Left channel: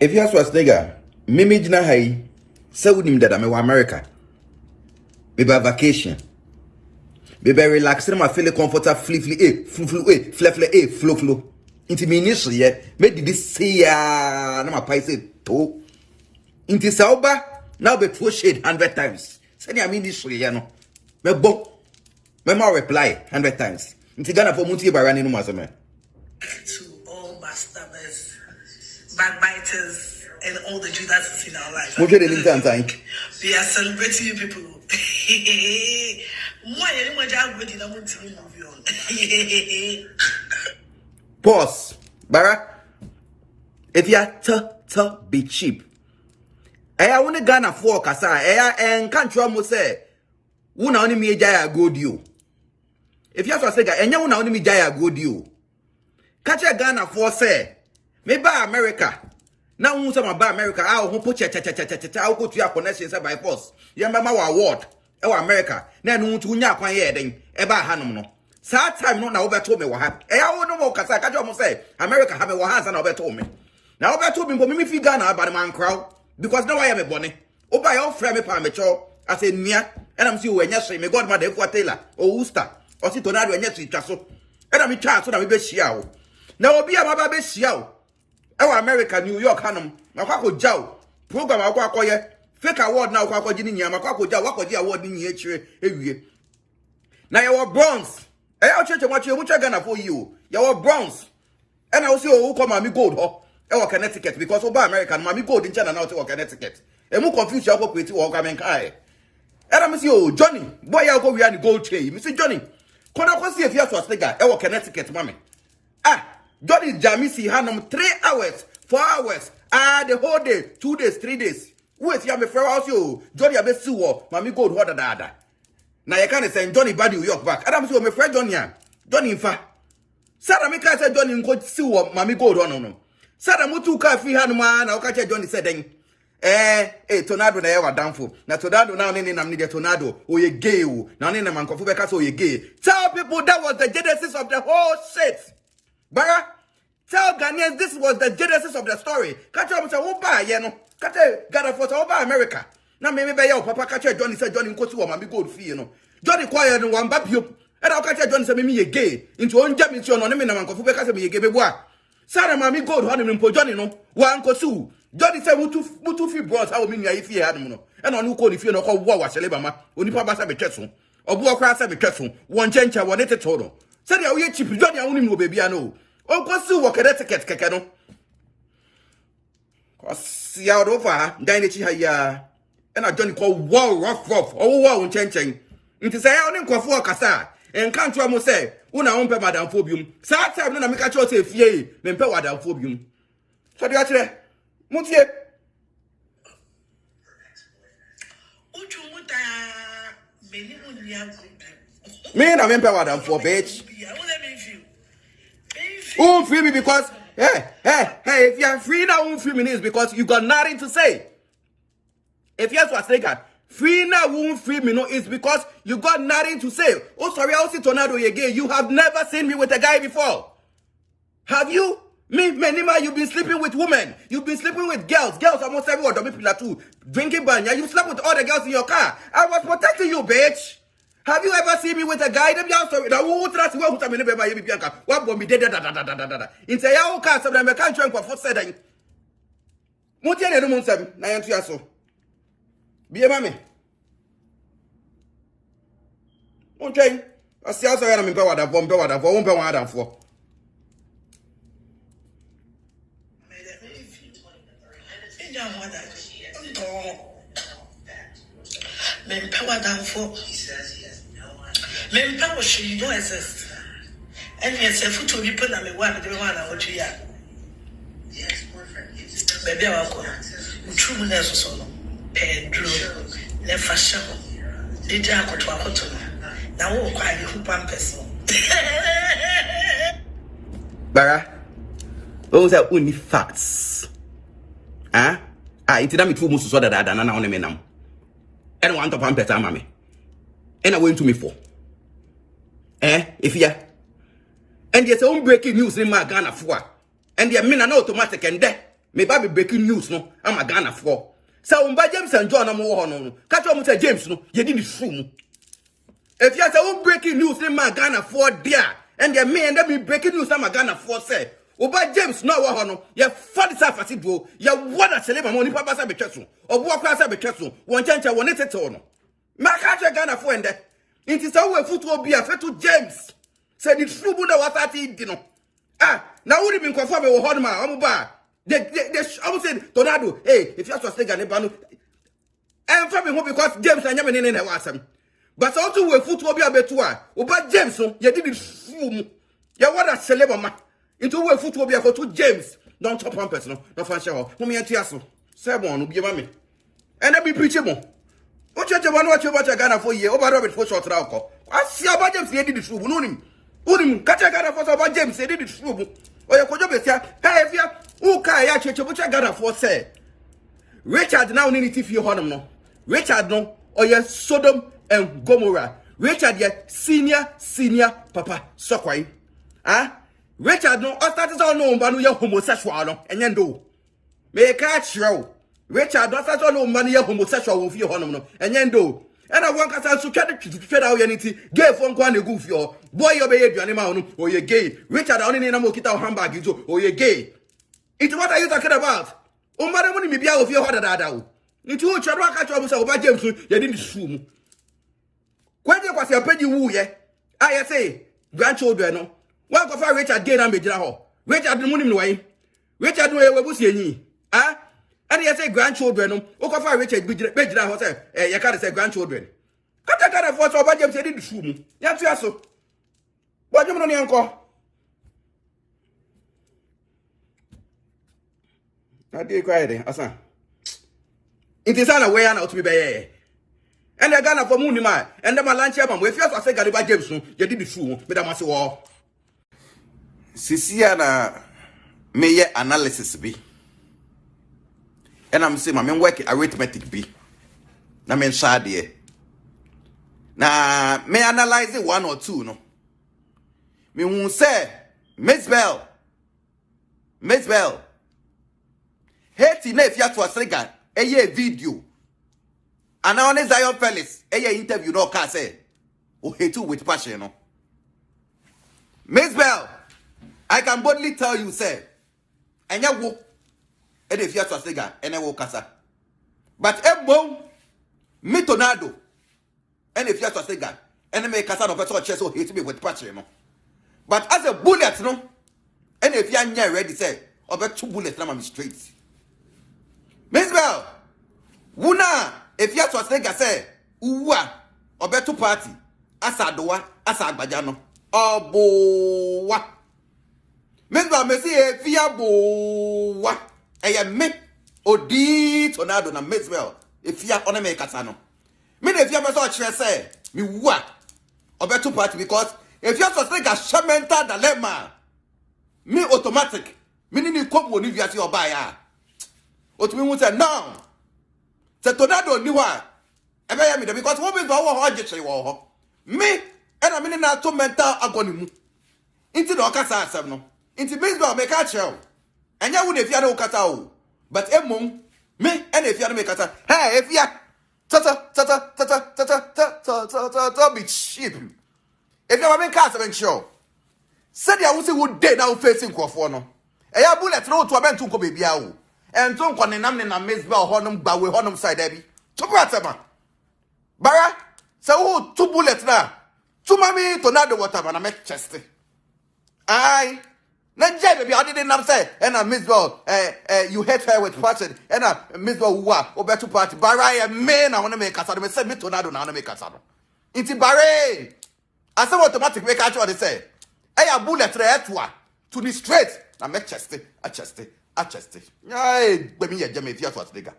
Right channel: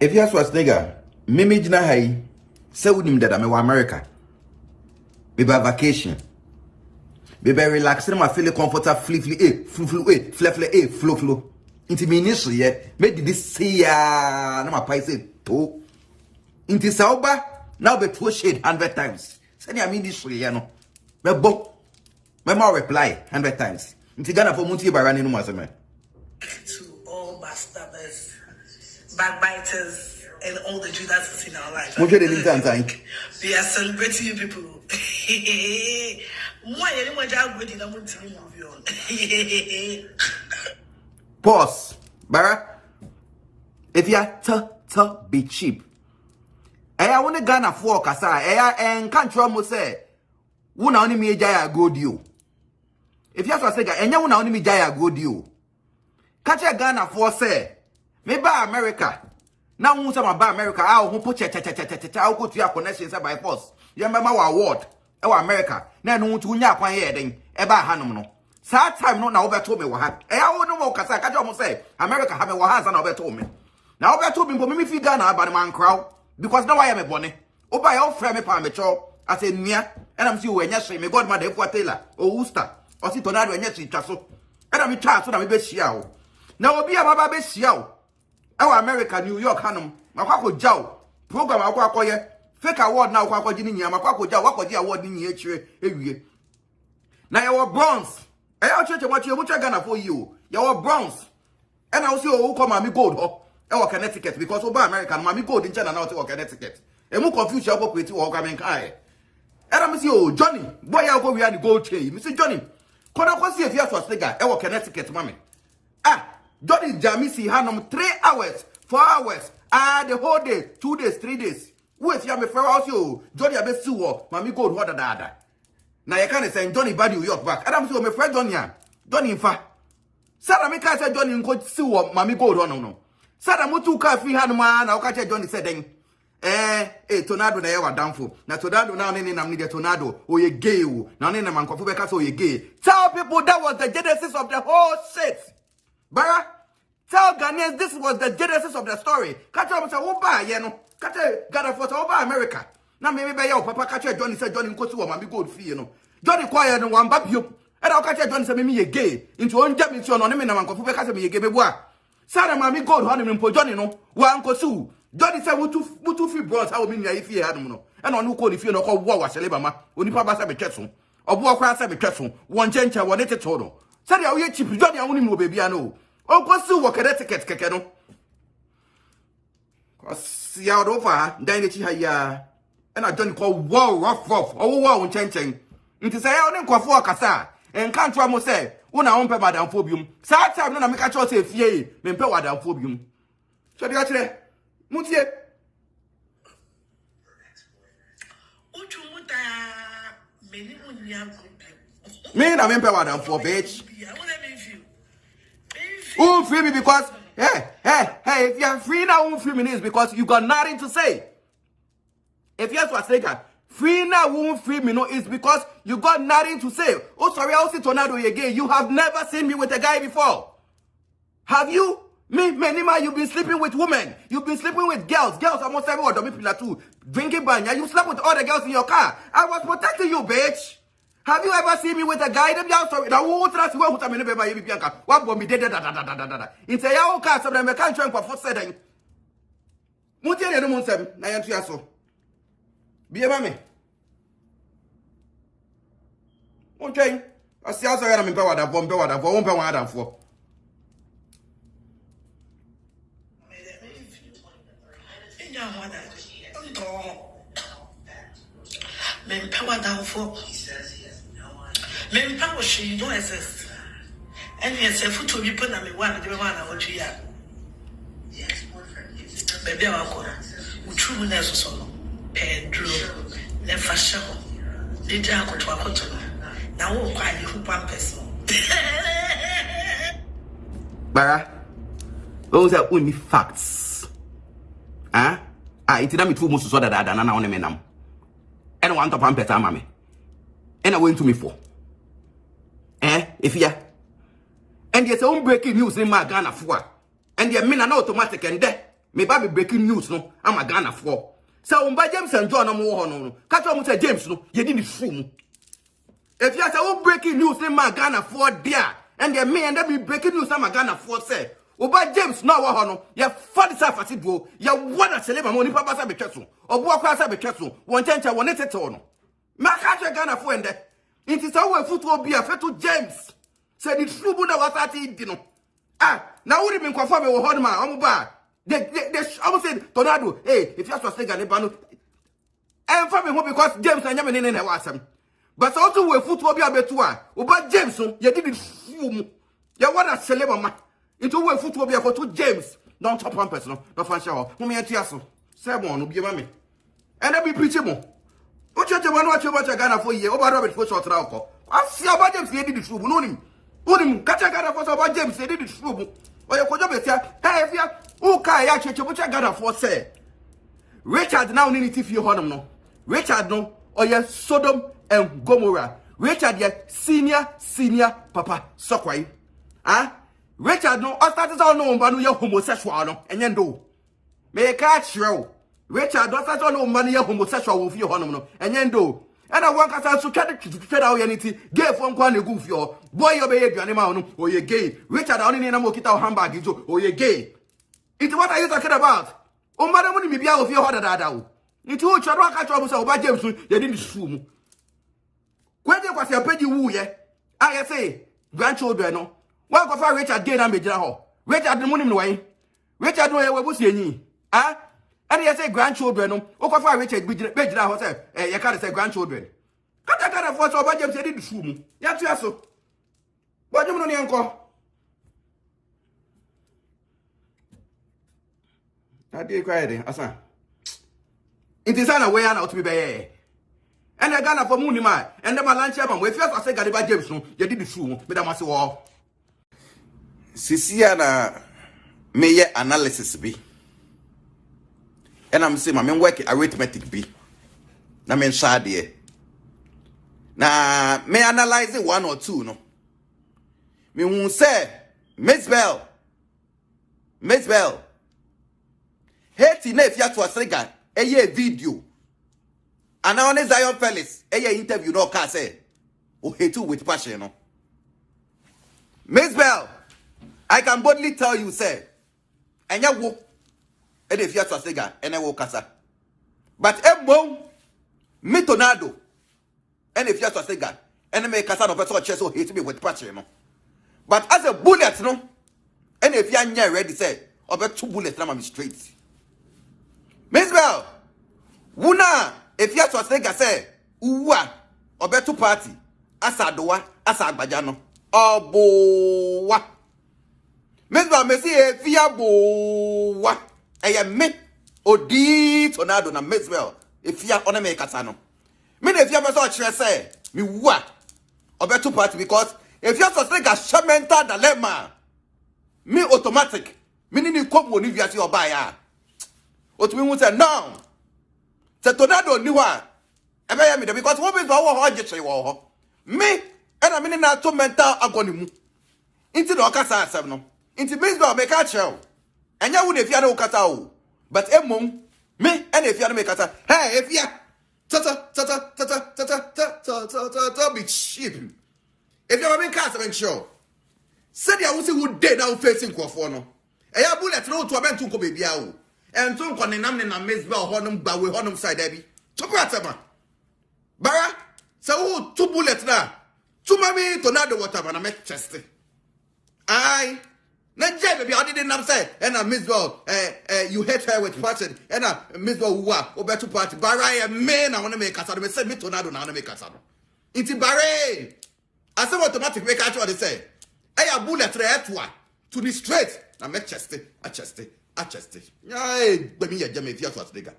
Afia Schwarzenegger, me jina hai, se wunim dada me wa America. Me ba vacation. Me be relax ma feel comfortable flow. Inti me ni so ye, me didi see ya na ma pai say to. Inti sa oba now be throw shade 100 times. Say ni ami ni so ye no. Me bon. Me ma reply 100 times. Inti Ghana for munti ba rani no ma me. To all backstabbers, backbiters, and all the Judas in our life. We are celebrating you people. Pause. Bara. If you are be cheap. I want Ghana for kasa. And can't you almost say, "Una only me jaya go you." If you have to say, "Enya una only me jaya go you." Catch a Ghana for say, "Me ba America." Now who some ba America? I who put cha. I go to your connections by force. You remember our award? Our America. Now no to nya kwan ye den. Eba hanom no. Sa time no na obeto me wo ha. I no mo kasa catch almost say America have me wo hands na obeto me. Now obeto me me fi Ghana ba man crowd because now I am a bonny. Oba your friend me pa me cho. I say nia and I'm see we nya so me God ma dey for Taylor or Worcester or si tornado nya to twa so. And I'm try so na me be hia wo. Now obi ababa be hia wo. Ewa America New York hanom. Makwako jaw. Program akwako ye. Fake award na akwako gini nya makwako jaw wakoji award ni echire ewie. Na your bronze. Eya cheche mwachi mucha Ghana for you. Your bronze. And I see who come mami gold ho. Ewa Connecticut because oba America mami gold in China now to Connecticut. E mu confuse you go create wo kamen kai. Era me see oh Johnny, boy ya go we and gold chain. Me see Johnny. Kona ko see Afia Schwarzenegger ewa Connecticut mami. Johnny Jamisi Hanum 3 hours, 4 hours, the whole day, 2 days, 3 days. Wait, you have a fair house, you Johnny Abesu, Mammy Gold, what da. Now you can't say Johnny Bad New York back. Adam so my friend Johnny in fact. Sada Mika said Johnny could sue Mammy Gold on no. Sada Mutu Kafi Hanuma, I'll catch Johnny said then. Tornado na ever downfall. Na tornado now nene na mnide tornado. Oh ye gay, now nene man kofu so ye gay. Tell people that was the genesis of the whole shit. Bara, tell Ghanaians this was the genesis of the story. Catch up say oba ye no. Catch Ghana for oba America. Na me be ya papa catch Johnny say Johnny nkosi wo ma be gold fee no. Johnny quiet no wan ba biom. E da catch Johnny say me ye gay. Into onja me no me na man kofu be catch me ye gay be boa. Sara ma me gold ho no mpo Johnny no. Wan kosi. Johnny say mutu fi bros how me nya ifie ha no no. E no ko ni fie no ko wo wa sele ba ma. Onipa ba sa be tweso. Obu okwa sa be tweso. Won chencha wo ne teto no. Said ya we cheap Johnny awuni no baby ano. Uncle Sue work at ticket kekeno. Cause ya over dine chi ya. And I Johnny call wow rough. Oh wow chen. Nti say ya oni nkofo akasa. En kan twa mo say una onpe madam phobium. Sa time no na me ka cho say fie me mpe wadam phobium. So dia kire. Mutie. Otu muta meni unya go. Me na me mpe wadam for bitch. Won't free me because hey, if you're free now, won't free me is because you got nothing to say. If you have to free now, won't free me no, it's because you got nothing to say. Oh, sorry, I'll see tornado again. You have never seen me with a guy before. Have you? Me, Menima, you've been sleeping with women. You've been sleeping with girls. Girls almost everyone, people too. Drinking banya. You slept with all the girls in your car. I was protecting you, bitch. Have you ever seen me with a guy? Them young story. Now who trust you? Who tell me never be Bianca? What bomb me da. In say ya car some them can't try for said. Muti any no monsem na yantu yaso. Be mama me. Okay. I see also ya me pe wada bomb pe wada for won pe wan adam for. Men power down for. Men power she don't exist. And yes, a foot to be put on me one the one I want to hear. Baby, I'll go. True nurse was on. Pedro, left for several. The jack to a hotel. Now, won't quite who pampers. Bara, those are only facts. Ah, it's not me too much so that I don't know them. And I want to pamper mammy. And I went to me for. If ya. And there's own breaking news in my Ghana for. And the men are automatic and there. Me ba be breaking news no ama Ghana for. Sa umba James and John am wo no. Catch am say James no, ye di the room. If you say breaking news in my Ghana for there, and the me and me breaking news in my Ghana for say, Oba James no wo no, ye for the safety do, ye wada seleba money papa sa be tweso. Obo akwa sa be tweso, won chencha won tete no. Ma catch Ghana for ende. Inti sa we football be afeto James. Say the true na what ati di no. Ah, now would be conform with Hodma, Omuba. They almost said, Tornado, hey, if you're supposed to get a banu, and for me, because James and Yaman in a wasam. But also, we football be a betua, about James, you did it, you want a celebra into where football be a to James, don't top one person, no fan shower, whom you tiasso, Sebon, will be mammy. And I be preachable. What you want what you want to Ghana for you, over Robert for short alcohol. I see about James, he did it through, Unim, catch a Ghana for about James, he did it through. Or you could just say, hey, if you okay, I check what I got for say. Richard now need to feel honor no. Richard no, or yes, Sodom and Gomorrah. Richard yet senior papa sokwai. Ah, Richard no, I started all no, but no, homosexual no, and then do. May catch you. Richard don't start all no money, homosexual with your honor no, and then do. And I want to try to out anything. Gay from Kwan goof your boy, your baby, animal, or you're gay. Richard only need a mokita handbag, or you're gay. It's what are you talking about? Oh, madam, when you be out of your heart at that. It's all Chadra catch about James, you didn't swoon. When you was your penny woo, yeah? I say, grandchildren, no. One of our Richard Gay and Major. Richard the money way. Richard, where was ye? Ah? And he say grandchildren, no. Okafa Richard Major Hotel, you can't say grandchildren. Cut a kind of what's over James didn't swoon. Yes, so. What do you know, uncle? I did quiet, Asa. It is an away and out to be bay. And the Ghana for Munima, and the Malanchi, and we first I said, Gariba James, you did the fool, Madame Masso. Siciana may analysis be. And I'm saying, I'm working arithmetic be. Na men shadi. Na may analyze it 1 or 2, no. Me won't say, Miss Bell. Heti na Afia Schwarzenegger eye video. And now on Zion Felix eye interview no ka say o hate with passion no. Miss Bell, I can boldly tell you say enya wo e de Afia Schwarzenegger ene wo kasa. But ebo me Tornado ene Afia Schwarzenegger ene me kasa no person chest so hate me with passion no. But as a bullet no ene Afia nya ready say obe 2 bullets na me straight. Miss Bell, Wuna, if you have to say, Uwa, or better party, Asadoa, Asabajano, or Boa. Miss Bell, Messi, if you have Boa, I am me, or D Tornado, and Miss Bell, if you have on a make Casano. Me, if you have a say, me what, or better party, because if you have to say a shamenta dilemma, me automatic, meaning you come when you your buyer. What we want to say no. The Tornado knew what. Because what is our hard me and I mean not to mental agony. Into the Ocasa 7. Into baseball make a show. And you would if you had Ocasao. But Emon, me and if you had make a hey, if you be cheap. If you have a castle show. Said you would day down facing Crawford. I have bullet no to a man to come baby. And don't call him and make no honum, but we honum side daddy. To Brassama. Baya, so 2 bullets now. 2 money Tornado whatever, and I make testing. Aye. Then Jerry, I didn't say, and I miss girl, you hate her with passion, and I miss girl who are, or better party. Barry and men, I want to make us, I said, me Tornado, now make us. It's Barry. I said, automatic make us what they say. I have bullet to the straight. I make testing, I tested. Ay, but me a Jamaican Afia Schwarzenegger.